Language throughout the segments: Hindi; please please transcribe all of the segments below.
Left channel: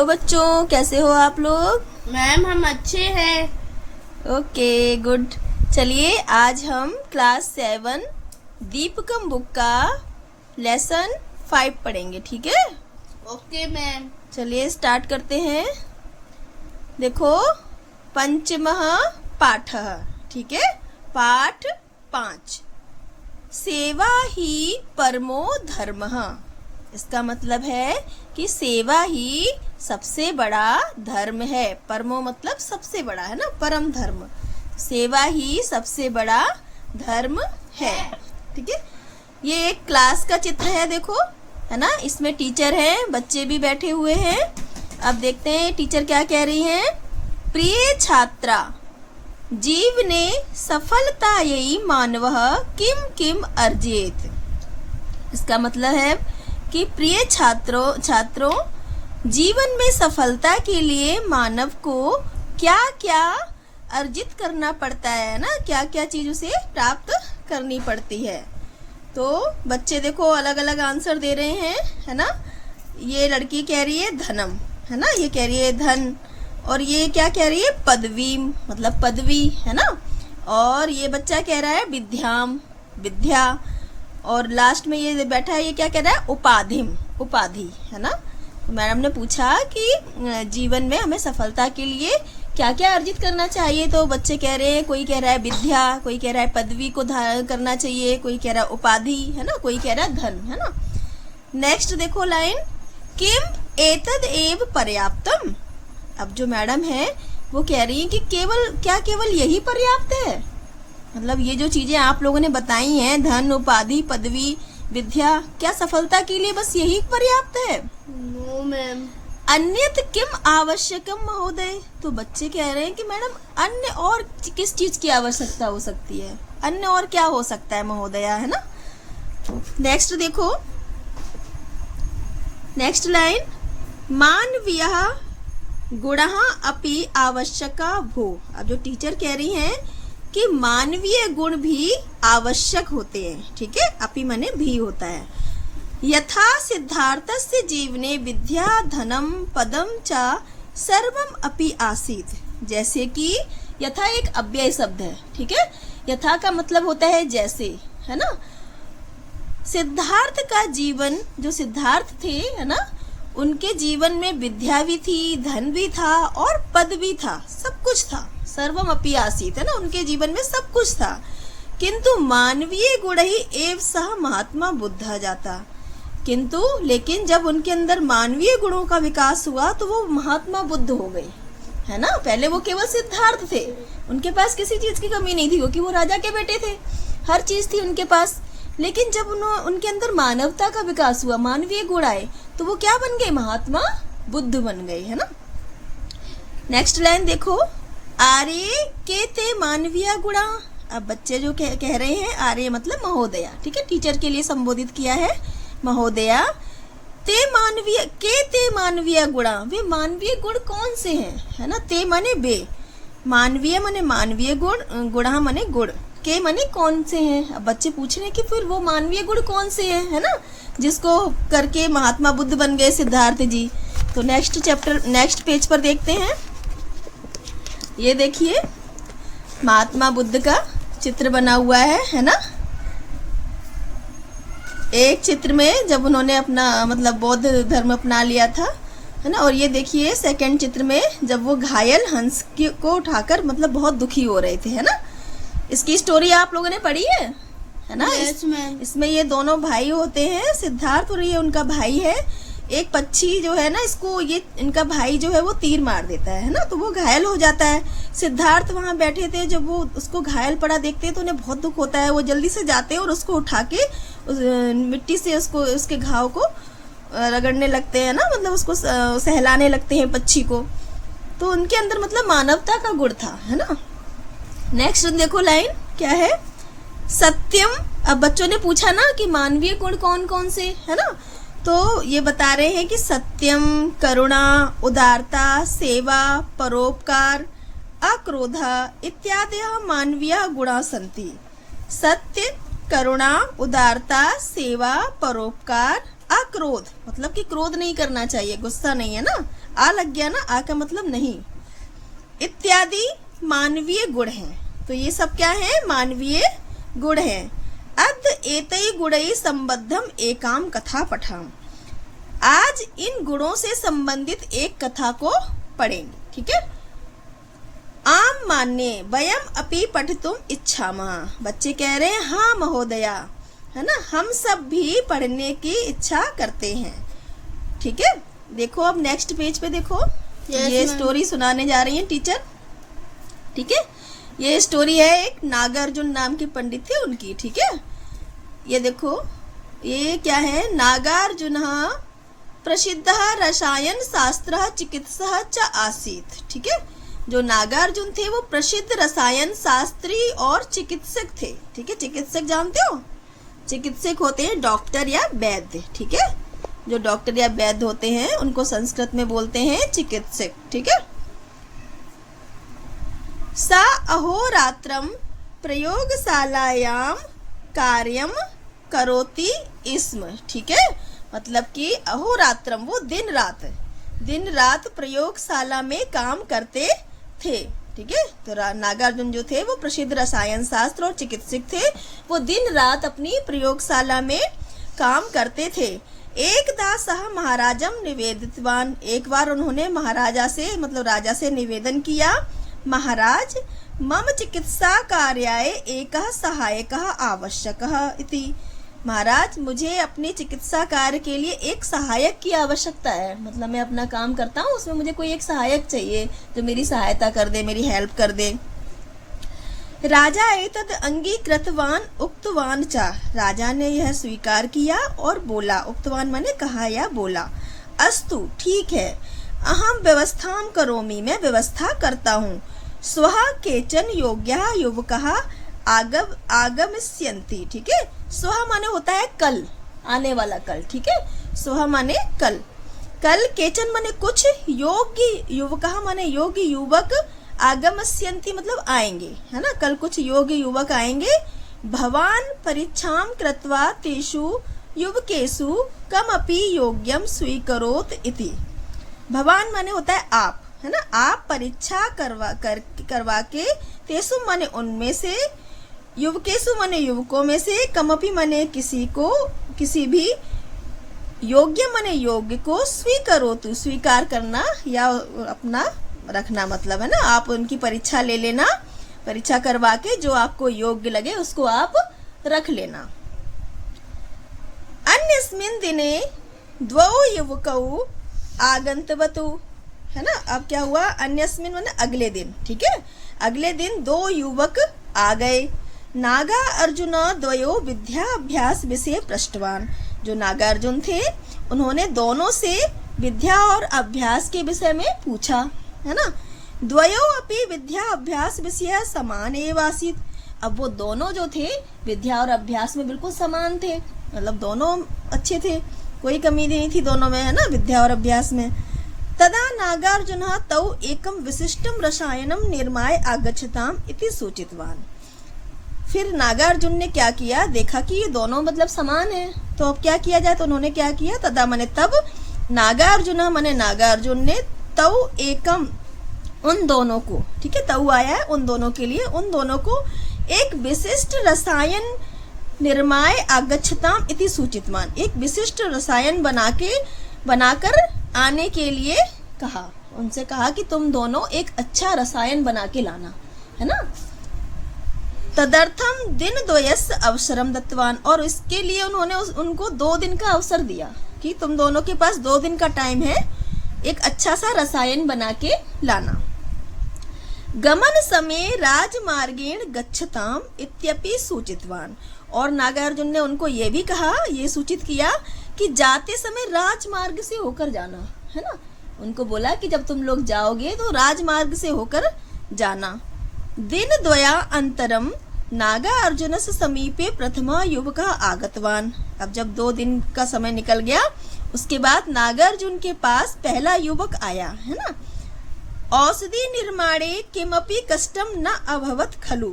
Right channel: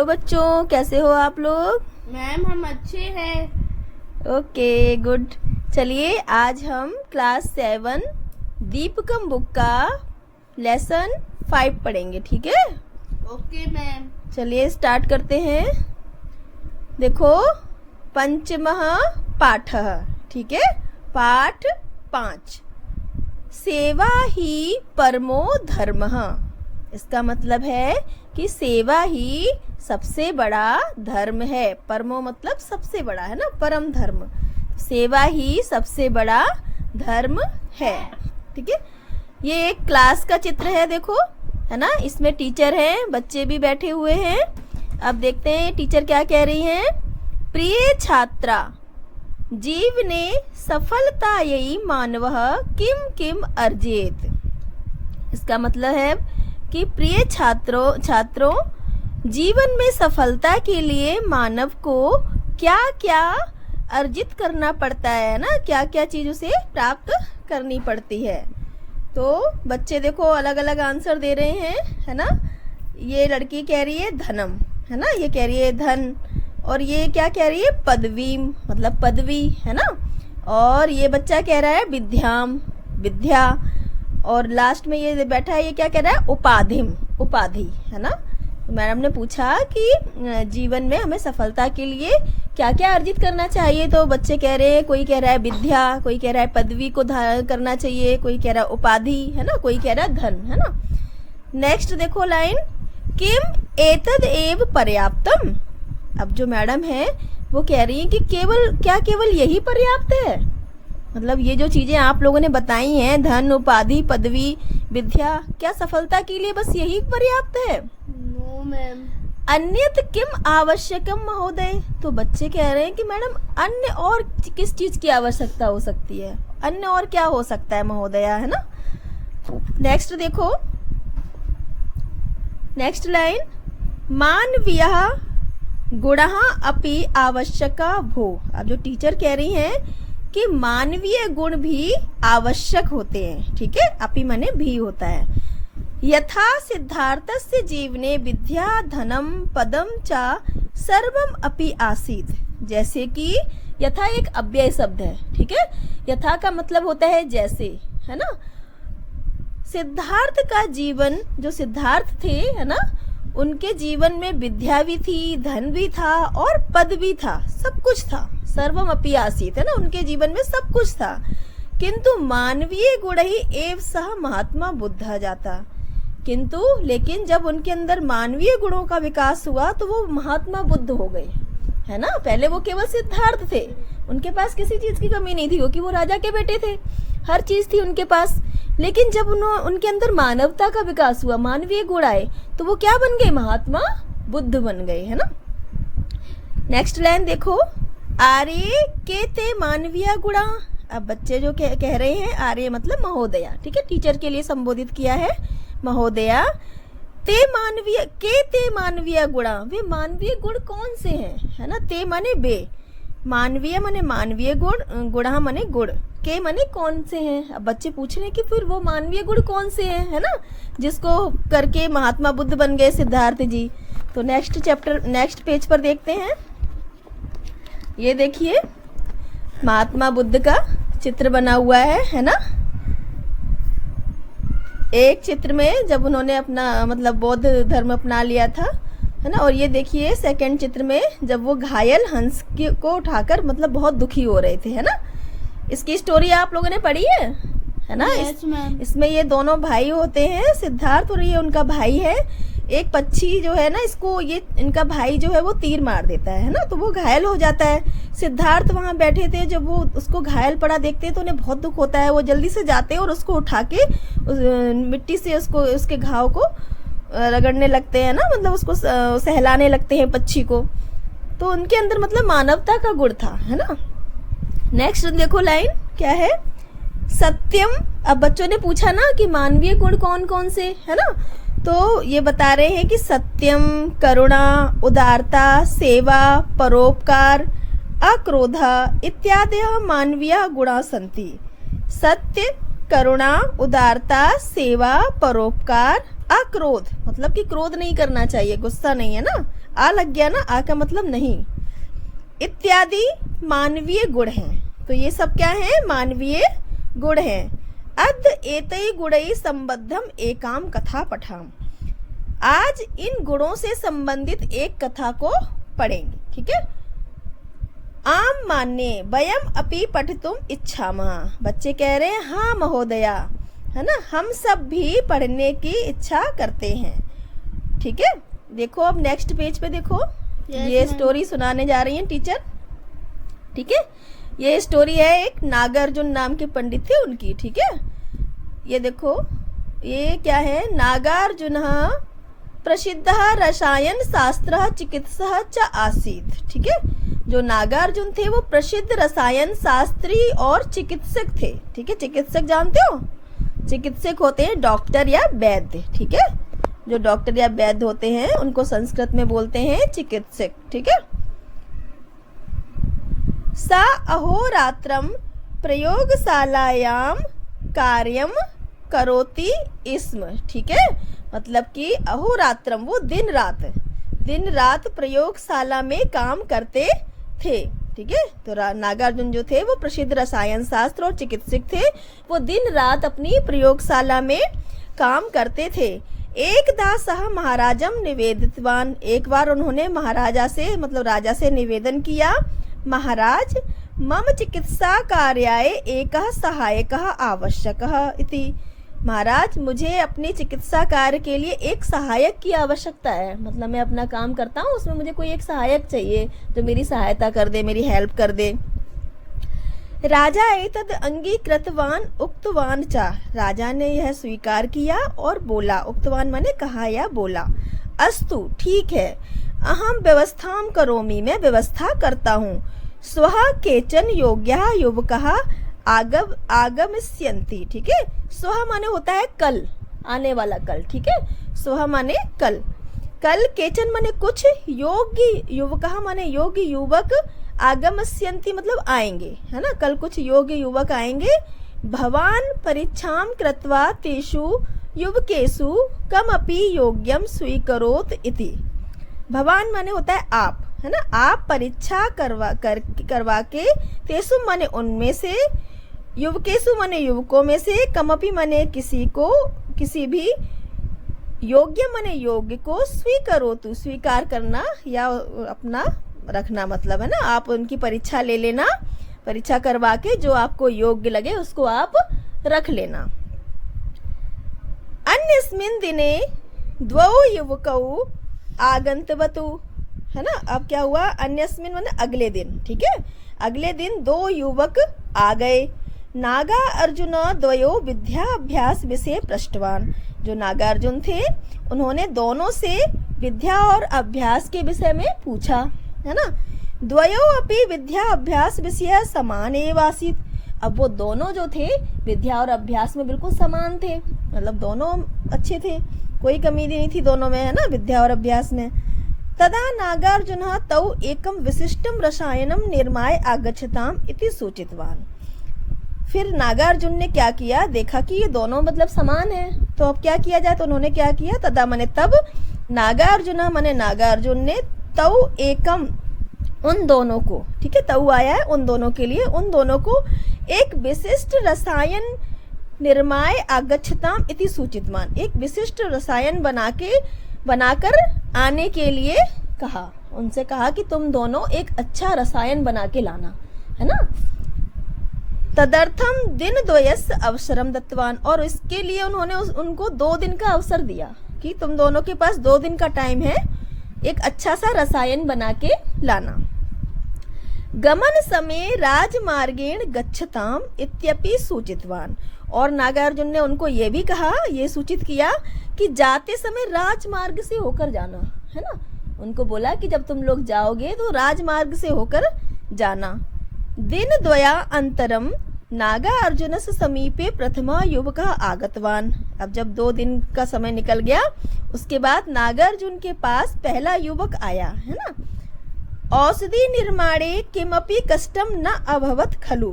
तो बच्चों, कैसे हो आप लोग? मैम हम अच्छे हैं। Okay, good. चलिए आज हम क्लास 7 दीपकम बुक का लेसन 5 पढ़ेंगे, ठीक है? Okay ma'am. चलिए स्टार्ट करते हैं। देखो, पंचमः पाठः, ठीक है? पाठ 5, सेवा ही परमो धर्मः। इसका मतलब है कि सेवा ही सबसे बड़ा धर्म है। परमो मतलब सबसे बड़ा, है ना, परम धर्म। सेवा ही सबसे बड़ा धर्म है, ठीक है? ये एक क्लास का चित्र है, देखो, है ना? इसमें टीचर हैं, बच्चे भी बैठे हुए हैं। अब देखते हैं टीचर क्या कह रही हैं। प्रिय छात्रा, जीवने सफलतायै मानवः किम किम अर्जेत। इसका मतलब है कि प्रिय छात्रों, जीवन में सफलता के लिए मानव को क्या क्या अर्जित करना पड़ता है ना, क्या क्या चीज उसे प्राप्त करनी पड़ती है। तो बच्चे देखो अलग अलग आंसर दे रहे हैं, है ना? ये लड़की कह रही है धनम, है ना, ये कह रही है धन, और ये क्या कह रही है पदवी, मतलब पदवी, है ना? और ये बच्चा कह रहा है विद्याम, विद्या, और लास्ट में ये बैठा है, ये क्या कह रहा है उपाधिम, उपाधि, है ना? तो मैडम ने पूछा कि जीवन में हमें सफलता के लिए क्या क्या अर्जित करना चाहिए। तो बच्चे कह रहे हैं, कोई कह रहा है विद्या, कोई कह रहा है पदवी को धारण करना चाहिए, कोई कह रहा है उपाधि, है ना, कोई कह रहा है धन, है ना? नेक्स्ट देखो लाइन, किम एतद एव पर्याप्तम। अब जो मैडम है वो कह रही है कि केवल यही पर्याप्त है, मतलब ये जो चीजें आप लोगों ने बताई हैं, धन, उपाधि, पदवी, विद्या, क्या सफलता के लिए बस यही पर्याप्त है? No ma'am. अन्यत किम आवश्यकम महोदय। तो बच्चे कह रहे हैं कि मैडम अन्य और किस चीज की आवश्यकता हो सकती है, अन्य और क्या हो सकता है महोदया, है ना? नेक्स्ट देखो, नेक्स्ट लाइन, मानवीयः गुणः अपि आवश्यका भो। अब जो टीचर कह रही हैं कि मानवीय गुण भी आवश्यक होते हैं, ठीक है? अपि माने भी होता है। यथा सिद्धार्थस्य जीवने विद्या धनम पदम च सर्वम अपि आसीत। जैसे कि यथा एक अव्यय शब्द है, ठीक है? यथा का मतलब होता है जैसे, है ना? सिद्धार्थ का जीवन, जो सिद्धार्थ थे, है ना, उनके जीवन में विद्या भी थी, धन भी था और पद भी था, सब कुछ था। सर्वम अपि आसीत, है ना, उनके जीवन में सब कुछ था। किंतु मानवीय गुण ही एव सह महात्मा बुद्धा जाता। किंतु लेकिन जब उनके अंदर मानवीय गुणों का विकास हुआ तो वो महात्मा बुद्ध हो गए, है ना? पहले वो केवल सिद्धार्थ थे, उनके पास किसी चीज की कमी नहीं थी, क्योंकि वो राजा के बेटे थे, हर चीज थी उनके पास। लेकिन जब उनके अंदर मानवता का विकास हुआ, मानवीय गुण आए, तो वो क्या बन गए? महात्मा बुद्ध बन गए, है ना? नेक्स्ट लाइन देखो, आर्य के ते मानवीय गुणा। अब बच्चे जो कह रहे हैं, आर्य मतलब महोदया, ठीक है? टीचर के लिए संबोधित किया है महोदया। ते मानवीय गुणा, वे मानवीय गुण कौन से हैं, है ना? ते माने वे, मानवीय माने मानवीय गुण, गुणा माने गुण, के माने कौन से हैं। अब बच्चे पूछ रहे हैं कि फिर वो मानवीय गुण कौन से हैं, है ना, जिसको करके महात्मा बुद्ध बन गए सिद्धार्थ जी। तो नेक्स्ट पेज पर देखते हैं। ये देखिए महात्मा बुद्ध का चित्र बना हुआ है ना? एक चित्र में जब उन्होंने अपना मतलब बौद्ध धर्म अपना लिया था, है ना? और ये देखिए सेकंड चित्र में जब वो घायल हंस को उठाकर मतलब बहुत दुखी हो रहे थे, है ना? इसकी स्टोरी आप लोगों ने पढ़ी है ना? Yes, इसमें ये दोनों भाई होते हैं, सिद्धार्थ और ये उनका भाई है। एक पक्षी जो है ना, इसको ये इनका भाई जो है वो तीर मार देता है ना, तो वो घायल हो जाता है। सिद्धार्थ वहां बैठे थे, जब वो उसको घायल पड़ा देखते हैं तो उन्हें बहुत दुख होता है। वो जल्दी से जाते हैं और उसको उठा के मिट्टी से उसके घाव को रगड़ने लगते हैं ना, मतलब उसको सहलाने लगते हैं पक्षी को। तो उनके अंदर मतलब मानवता का गुण था, है ना? नेक्स्ट देखो लाइन क्या है, सत्यम। अब बच्चों ने पूछा ना कि मानवीय गुण कौन कौन से, है ना? तो ये बता रहे हैं कि सत्यम, करुणा, उदारता, सेवा, परोपकार, अक्रोध इत्यादि मानवीय गुणा सन्ति। सत्य, करुणा, उदारता, सेवा, परोपकार, अक्रोध मतलब कि क्रोध नहीं करना चाहिए, गुस्सा नहीं, है ना? आ लग गया ना, आ का मतलब नहीं। इत्यादि मानवीय गुण हैं। तो ये सब क्या है? मानवीय गुण हैं। अद्य एतै गुणै संबद्धम एकाम कथा पठाम। आज इन गुणों से संबंधित एक कथा को पढ़ेंगे, ठीक है। आम मान्य वयम अपि पठितुम इच्छामः। बच्चे कह रहे हैं हाँ महोदया, है ना, हम सब भी पढ़ने की इच्छा करते हैं, ठीक है। देखो अब नेक्स्ट पेज पे देखो, ये स्टोरी सुनाने जा रही है टीचर, ठीक है। ये स्टोरी है एक नागार्जुन नाम के पंडित थे उनकी, ठीक है। ये देखो ये क्या है? नागार्जुन प्रसिद्ध रसायन शास्त्र चिकित्सक च आसीत्, ठीक है। जो नागार्जुन थे वो प्रसिद्ध रसायन शास्त्री और चिकित्सक थे, ठीक है। चिकित्सक जानते हो? चिकित्सक होते हैं डॉक्टर या वैद्य, ठीक है। जो डॉक्टर या वैद्य होते हैं उनको संस्कृत में बोलते हैं चिकित्सक, ठीक है। सा अहोरात्रम प्रयोगशालायाम कार्यम करोति स्म, ठीक है। मतलब कि अहोरात्रम वो दिन रात प्रयोगशाला में काम करते थे, ठीक है। तो नागार्जुन जो थे वो प्रसिद्ध रसायन शास्त्र और चिकित्सक थे। वो दिन रात अपनी प्रयोगशाला में काम करते थे। एकदा सह महाराजम निवेदितवान। एक बार उन्होंने महाराजा से मतलब राजा से निवेदन किया, महाराज मम चिकित्सा कार्याय एकः सहायकः आवश्यकः इति। महाराज मुझे अपनी चिकित्सा कार्य के लिए एक सहायक की आवश्यकता है। मतलब मैं अपना काम करता हूँ, उसमें मुझे कोई एक सहायक चाहिए जो मेरी सहायता कर दे, मेरी हेल्प कर दे। राजा एतद अंगीकृतवान उक्तवान चा। राजा ने यह स्वीकार किया और बोला, उक्तवान माने कहा या बोला, अस्तु ठीक है, अहम व्यवस्थां करोमि, मैं व्यवस्था करता हूँ। स्वः केचन योग्यः युवकः आगमिष्यन्ति, ठीक है। स्वः माने होता है कल, आने वाला कल, ठीक है। स्वः माने कल, कल केचन माने कुछ, योग्य युवकः माने योग्य युवक, आगमिष्यन्ति मतलब आएंगे, है ना। कल कुछ योग्य युवक आएंगे। भवान परीक्षां कृत्वा तेषु युवकेषु कमपि योग्यम स्वीकरोत इति। भवान माने होता है आप, है ना। आप परीक्षा करवा के, तेषु माने उनमें से, युवकेषु माने युवकों में से, कमपि माने किसी को, किसी भी, योग्य माने योग्य को, स्वीकरोतु स्वीकार करना या अपना रखना मतलब, है ना। आप उनकी परीक्षा ले लेना, परीक्षा करवा के जो आपको योग्य लगे उसको आप रख लेना। अन्यस्मिन् दिने द्वौ युवकौ आगन्तवतु, है ना। अब क्या हुआ? अन्यस्मिन् माने अगले दिन, ठीक है। अगले दिन दो युवक आ गए। नागा अर्जुन द्वयो विद्याभ्यास विषय पृष्ठवान। जो नागार्जुन थे उन्होंने दोनों से विद्या और अभ्यास के विषय में पूछा, है ना। द्वयो अपि विद्या अभ्यास विषय समान एव आसीत्। अब वो दोनों जो थे विद्या और अभ्यास में बिल्कुल समान थे, मतलब दोनों अच्छे थे, कोई कमी नहीं थी दोनों में, है ना, विद्या और अभ्यास में। तदा नागार्जुन तौ एकम विशिष्टम रसायनम निर्माय आगच्छताम इति सूचितवान। फिर नागार्जुन ने क्या किया, देखा कि ये दोनों मतलब समान है, तो अब क्या किया जाए। तो उन्होंने क्या किया, तदा माने तब, नागार्जुन माने नागार्जुन ने, तौ एकम उन दोनों को, ठीक है, तौ आया है उन दोनों के लिए, उन दोनों को एक विशिष्ट रसायन निर्माय आगच्छताम इति सूचितवान। एक विशिष्ट रसायन बनाकर आने के लिए कहा, उनसे कहा कि तुम दोनों एक अच्छा रसायन बना के लाना, है ना। तदर्थम दिन द्वयस अवसरम दत्तवान। और इसके लिए उन्होंने उनको 2 दिन का अवसर दिया कि तुम दोनों के पास 2 दिन का टाइम है, एक अच्छा सा रसायन बना के लाना। गमन समय राजमार्गेण गच्छताम इत्यपि सूचितवान। और नागार्जुन ने उनको ये भी कहा, ये सूचित किया कि जाते समय राजमार्ग से होकर जाना, है ना। उनको बोला कि जब तुम लोग जाओगे तो राजमार्ग से होकर जाना। दिन द्वया अंतरम नागार्जुनस्य समीपे प्रथमा युवकः आगतवान। अब जब 2 दिन का समय निकल गया, उसके बाद नागार्जुन के पास पहला युवक आया, है ना। औषधि निर्माणे किमपि कष्टम न अभवत खलु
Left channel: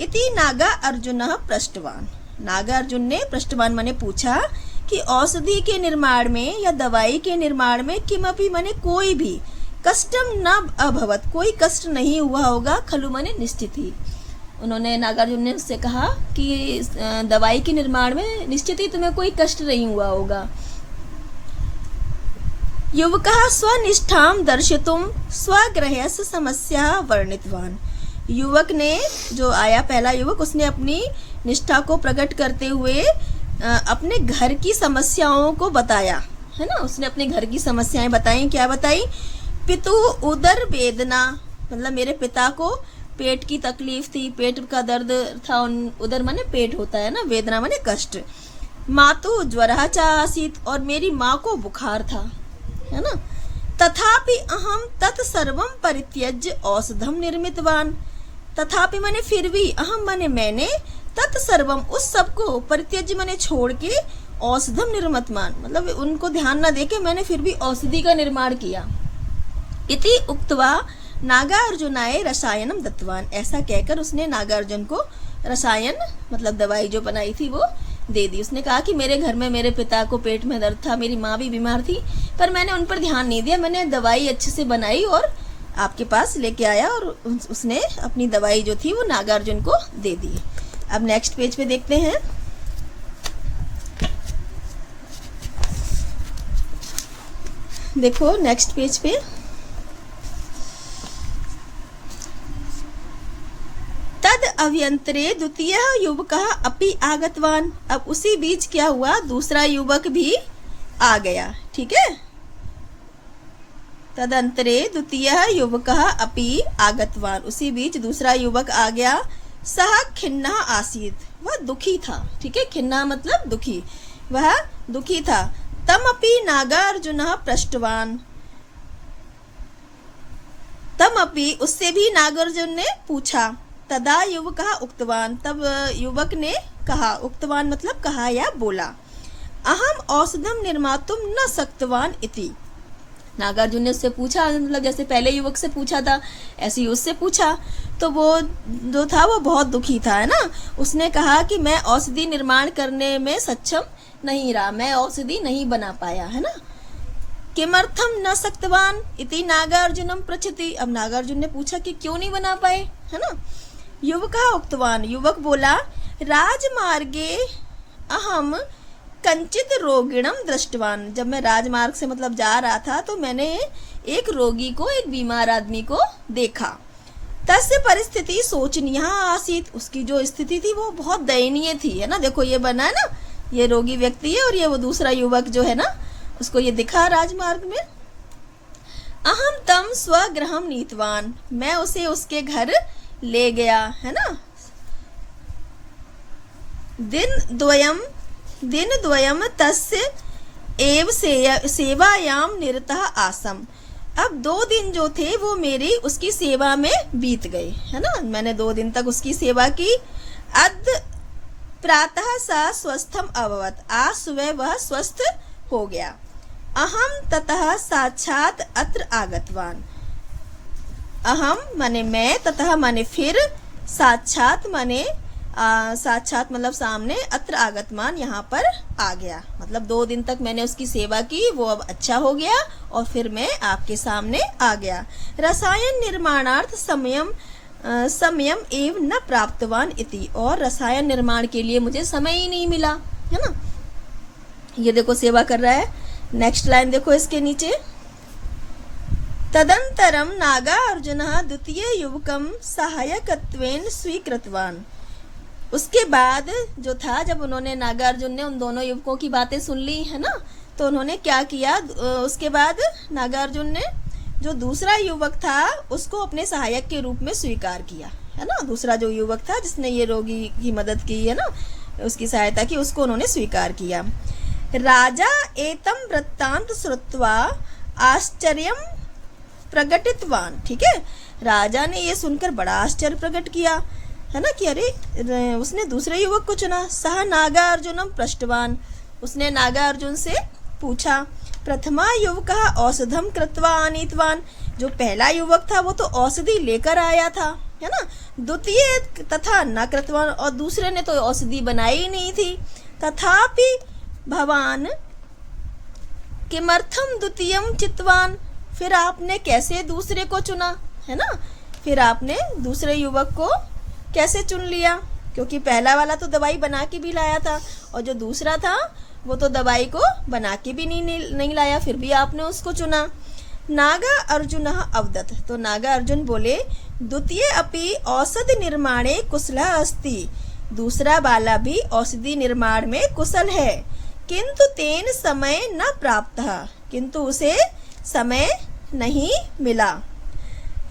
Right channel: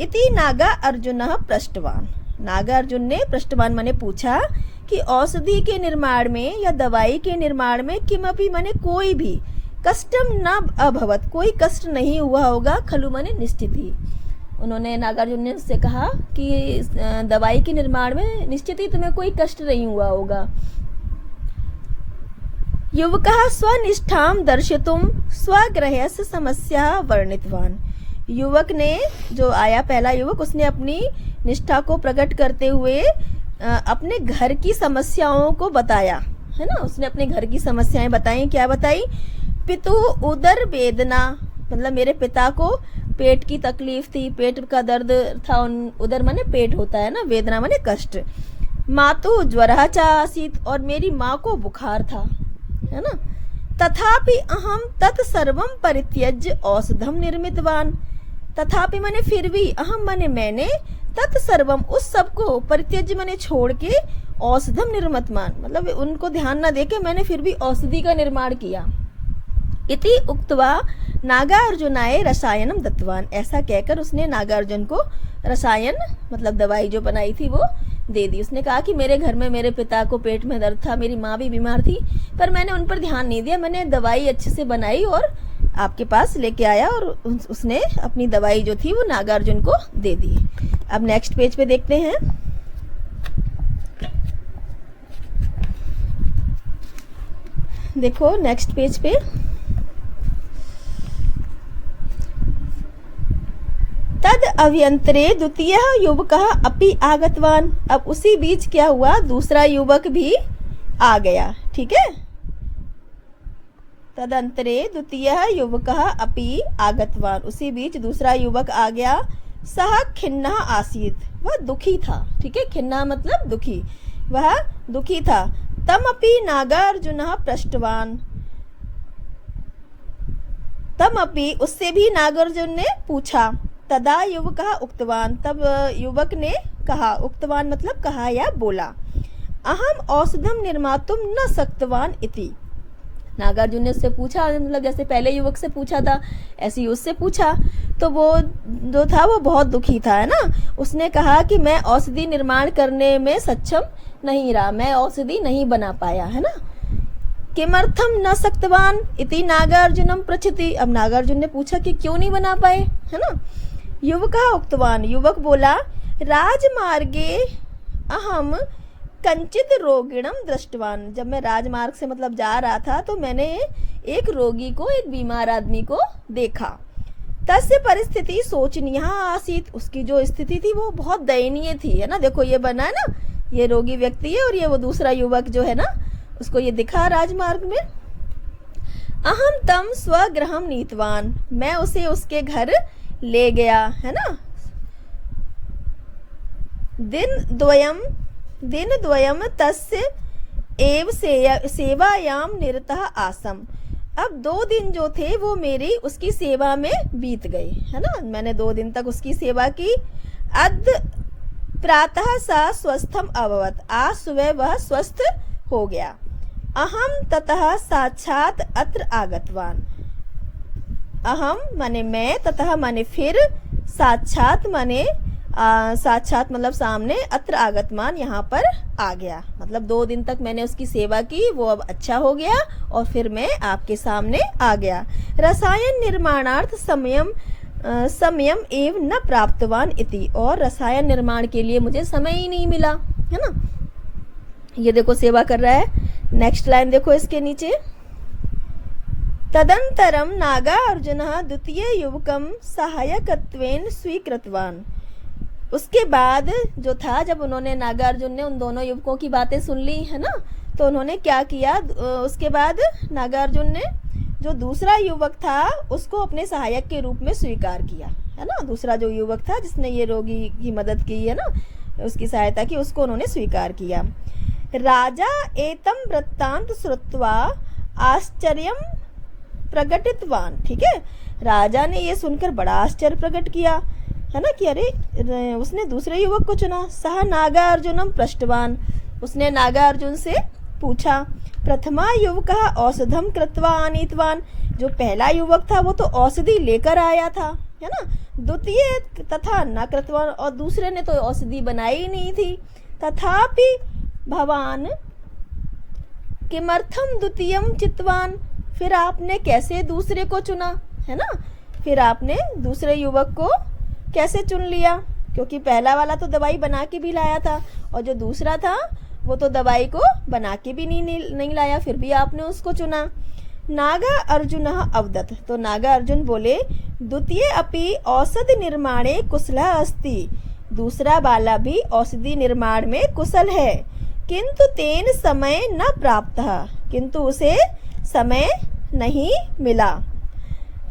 इति नागार्जुनः पृष्टवान। नागार्जुन ने पृष्टवान माने पूछा कि औषधि के निर्माण में या दवाई के निर्माण में किमपि माने कोई भी कष्टम न अभवत, कोई कष्ट नहीं हुआ होगा, खलु माने निश्चित ही। उन्होंने नागार्जुन ने उससे कहा कि दवाई के निर्माण में निश्चित ही तुम्हें कोई कष्ट नहीं हुआ होगा। युवकः स्वनिष्ठां दर्शितुं स्वग्रहस्य समस्या वर्णितवान। युवक ने, जो आया पहला युवक, उसने अपनी निष्ठा को प्रकट करते हुए अपने घर की समस्याओं को बताया, है ना। उसने अपने घर की समस्याएं बताई। क्या बताई? पितु उदर वेदना, मतलब मेरे पिता को पेट की तकलीफ थी, पेट का दर्द था। उदर माने पेट होता है ना, वेदना माने कष्ट। मातु ज्वरः च आसीत्, और मेरी माँ को बुखार था, है ना। तथापि अहम तत्सर्वं परित्यज्य औषधम निर्मितवान। तथापि माने फिर भी, अहम माने मैंने, तत्सर्वम उस सब को, परित्यज्य माने छोड़ के, औषधम निर्मितवान मतलब उनको ध्यान न देके मैंने फिर भी औषधि का निर्माण किया। इति उक्त्वा नागार्जुनाय रसायनम दत्तवान। ऐसा कहकर उसने नागार्जुन को रसायन मतलब दवाई जो बनाई थी वो दे दी। उसने कहा कि मेरे घर में मेरे पिता को पेट में दर्द था, मेरी माँ भी बीमार थी, पर मैंने उन पर ध्यान नहीं दिया। मैंने दवाई अच्छे से बनाई और आपके पास लेके आया, और उसने अपनी दवाई जो थी वो नागार्जुन को दे दी। अब नेक्स्ट पेज पे देखते हैं। देखो नेक्स्ट पेज पे, तद अभ्यंतरे द्वितीय युवकः अपि आगतवान। अब उसी बीच क्या हुआ, दूसरा युवक भी आ गया। ठीक है, तदंतरे द्वितीय युवकः अपि आगतवान, उसी बीच दूसरा युवक आ गया। सह खिन्नः आसीत्, वह दुखी था। ठीक है, खिन्ना मतलब दुखी, वह दुखी था। तम अपि नागार्जुनः पृष्टवान, तम अपि उससे भी नागार्जुन ने पूछा। तदा युवकः उक्तवान, तब युवक ने कहा, उक्तवान मतलब कहा या बोला। अहम औषधम निर्मातुम न शक्तवान इति। नागार्जुन ने उससे पूछा, मतलब जैसे पहले युवक से पूछा था ऐसे ही उससे पूछा। तो वो जो था वो बहुत दुखी था, है ना। उसने कहा कि मैं औषधि निर्माण करने में सक्षम नहीं रहा, मैं औषधि नहीं बना पाया, है ना। किमर्थम न शक्तवान इति नागार्जुनम पृच्छति। अब नागार्जुन ने पूछा कि क्यों नहीं बना पाए, है ना। युवकः उक्तवान, युवक बोला, राजमार्गे अहम कंचित रोगिणम दृष्टवान। जब मैं राजमार्ग से मतलब जा रहा था तो मैंने एक रोगी को, एक बीमार आदमी को देखा। तस्य परिस्थिति शोचनीय आसीत, उसकी जो स्थिति थी वो बहुत दयनीय थी, है ना। देखो ये बना है ना, ये रोगी व्यक्ति है और ये वो दूसरा युवक जो है ना, उसको ये दिखा राजमार्ग में। अहम तम स्वगृहम नीतवान, मैं उसे उसके घर ले गया, है ना। दिन द्वयम तस्य एव सेवायाम निरतः आसम। अब 2 दिन जो थे वो मेरी उसकी सेवा में बीत गए, है ना। मैंने 2 दिन तक उसकी सेवा की। अद्य प्रातः सा स्वस्थम अभवत, आज सुबह वह स्वस्थ हो गया। अहम ततः साक्षात अत्र आगतवान। अहम माने मैं, ततः माने फिर, साक्षात माने साक्षात मतलब सामने, अत्र आगतमान यहाँ पर आ गया। मतलब 2 दिन तक मैंने उसकी सेवा की, वो अब अच्छा हो गया और फिर मैं आपके सामने आ गया। रसायन निर्माणार्थ समयम एव न प्राप्तवान इति, और रसायन निर्माण के लिए मुझे समय ही नहीं मिला, है ना। ये देखो सेवा कर रहा है। नेक्स्ट लाइन देखो इसके नीचे, तदंतरम नागार्जुनः द्वितीय युवकम सहायकत्वेन स्वीकृतवान। उसके बाद जो था, जब उन्होंने नागार्जुन ने उन दोनों युवकों की बातें सुन ली, है ना, तो उन्होंने क्या किया, उसके बाद नागार्जुन ने जो दूसरा युवक था उसको अपने सहायक के रूप में स्वीकार किया, है ना। दूसरा जो युवक था जिसने ये रोगी की मदद की, है ना, उसकी सहायता की, उसको उन्होंने स्वीकार किया। राजा एतम वृत्तांत श्रुत्वा आश्चर्यम प्रकटितवान। ठीक है, राजा ने ये सुनकर बड़ा आश्चर्य प्रकट किया, है ना, कि अरे उसने दूसरे युवक को चुना। सह नागार्जुनम पृष्टवान, उसने नागार्जुन से पूछा। प्रथमा युवकः औषधम कृत्वा आनीतवान, जो पहला युवक था वो तो औषधि लेकर आया था, है ना। द्वितीय तथा न कृतवान, और दूसरे ने तो औषधि बनाई ही नहीं थी। तथापि भवान किमर्थम द्वितीयम चितवान, फिर आपने कैसे दूसरे को चुना, है ना। फिर आपने दूसरे युवक को कैसे चुन लिया, क्योंकि पहला वाला तो दवाई बना के भी लाया था और जो दूसरा था वो तो दवाई को बना के भी नहीं लाया, फिर भी आपने उसको चुना। नागा अर्जुन अवदत, तो नागा अर्जुन बोले द्वितीय अपि औषधि निर्माणे कुशला अस्ति, दूसरा वाला भी औषधि निर्माण में कुशल है, किंतु तेन समय न प्राप्त, किंतु उसे समय नहीं मिला।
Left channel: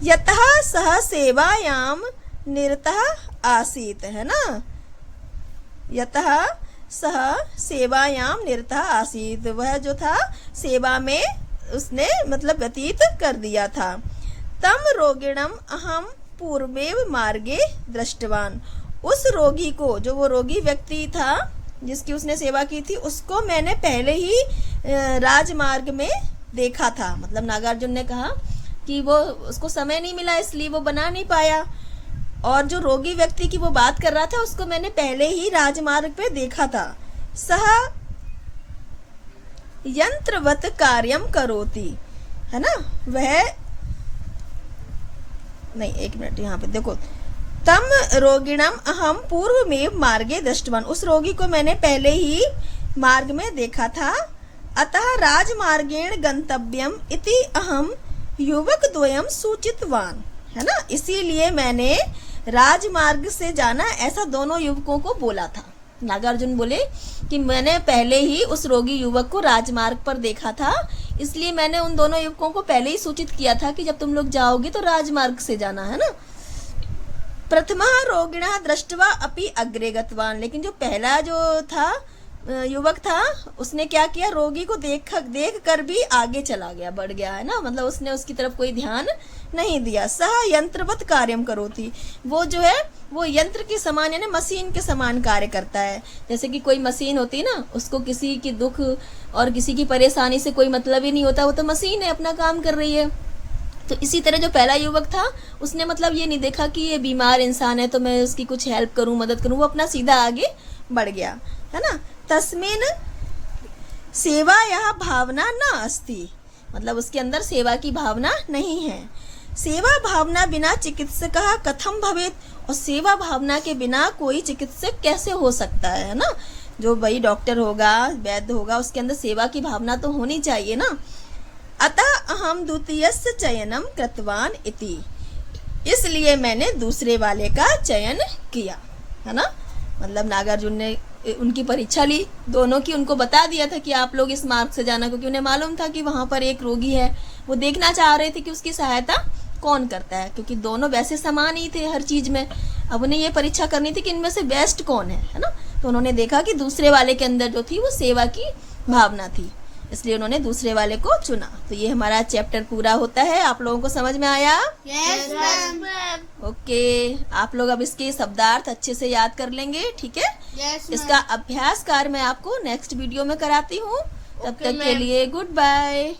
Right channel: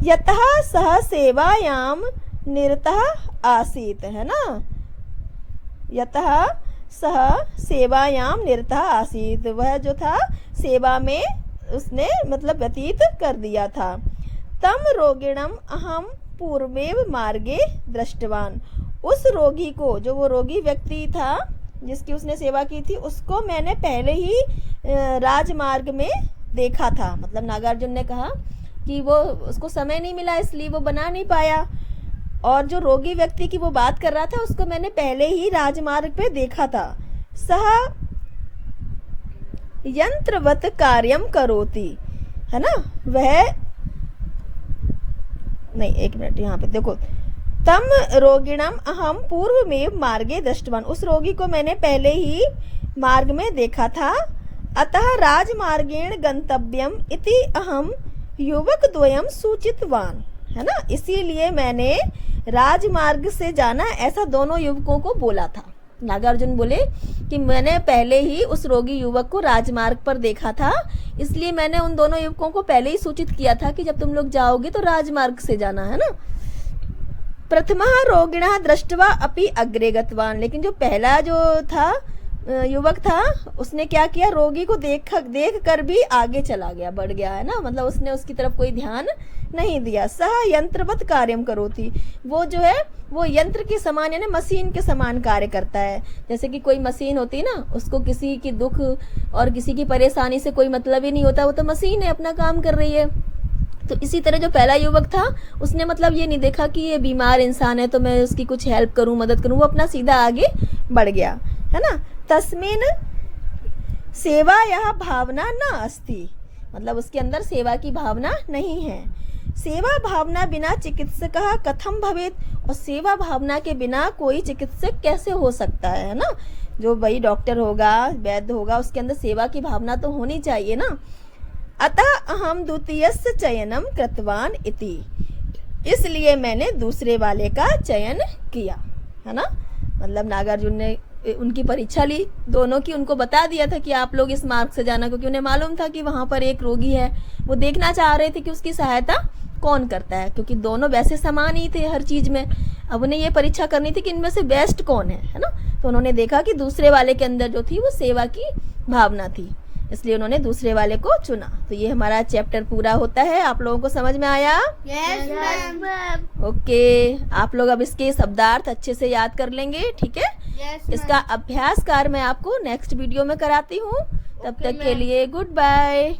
यतः सह सेवायाम निरतः आसीत, है ना। यतः सह सेवायाम निरतः आसीत, वह जो था सेवा में उसने मतलब व्यतीत कर दिया था। तम रोगिणम अहम पूर्वेव मार्गे दृष्टवान, उस रोगी को, जो वो रोगी व्यक्ति था जिसकी उसने सेवा की थी, उसको मैंने पहले ही राजमार्ग में देखा था। मतलब नागार्जुन ने कहा कि वो उसको समय नहीं मिला इसलिए वो बना नहीं पाया, और जो रोगी व्यक्ति की वो बात कर रहा था उसको मैंने पहले ही राजमार्ग पे देखा था। सह यंत्रवत कार्यम करोति, है ना, वह नहीं, एक मिनट यहाँ पे देखो, तम रोगिणम अहम पूर्व में मार्गे दृष्टवान, उस रोगी को मैंने पहले ही मार्ग में देखा था। अतः राजमार्गेण गंतव्यम इति अहम युवक द्वयम सूचितवान, है ना, इसीलिए मैंने राजमार्ग से जाना ऐसा दोनों युवकों को बोला था। नागार्जुन बोले कि मैंने पहले ही उस रोगी युवक को राजमार्ग पर देखा था, इसलिए मैंने उन दोनों युवकों को पहले ही सूचित किया था कि जब तुम लोग जाओगे तो राजमार्ग से जाना, है ना। प्रथमः रोगिणः दृष्ट्वा अपि अग्रे गतवान, लेकिन जो पहला जो था युवक था उसने क्या किया, रोगी को देख कर भी आगे चला गया, बढ़ गया, है ना, मतलब उसने उसकी तरफ कोई ध्यान नहीं दिया। सह यंत्रवत कार्यम करोति, वो जो है वो यंत्र के समान, यानी मशीन के समान कार्य करता है। जैसे कि कोई मशीन होती है ना, उसको किसी की दुख और किसी की परेशानी से कोई मतलब ही नहीं होता, वो तो मशीन है, अपना काम कर रही है। तो इसी तरह जो पहला युवक था उसने मतलब ये नहीं देखा कि ये बीमार इंसान है तो मैं उसकी कुछ हेल्प करूं, मदद करूं, वो अपना सीधा आगे बढ़ गया, है ना। तस्मिन सेवा यह भावना न अस्ति, मतलब उसके अंदर सेवा की भावना नहीं है। सेवा भावना बिना चिकित्सक कथम भवेत, और सेवा भावना के बिना कोई चिकित्सक कैसे हो सकता है ना। जो भाई डॉक्टर होगा, वैद्य होगा, उसके अंदर सेवा की भावना तो होनी चाहिए ना। अतः अहम द्वितीयस्य चयनम कृतवान इति, इसलिए मैंने दूसरे वाले का चयन किया, है ना। मतलब नागार्जुन ने उनकी परीक्षा ली दोनों की, उनको बता दिया था कि आप लोग इस मार्ग से जाना, क्योंकि उन्हें मालूम था कि वहां पर एक रोगी है, वो देखना चाह रहे थे कि उसकी सहायता कौन करता है, क्योंकि दोनों वैसे समान ही थे हर चीज में। अब उन्हें ये परीक्षा करनी थी कि इनमें से बेस्ट कौन है ना। तो उन्होंने देखा कि दूसरे वाले के अंदर जो थी वो सेवा की भावना थी, इसलिए उन्होंने दूसरे वाले को चुना। तो ये हमारा चैप्टर पूरा होता है। आप लोगों को समझ में आया? Yes ma'am. ओके, आप लोग अब इसके शब्दार्थ अच्छे से याद कर लेंगे, ठीक है। यस इसका अभ्यास कार्य मैं आपको नेक्स्ट वीडियो में कराती हूँ। तब ओके, तक के मैम। लिए गुड बाय।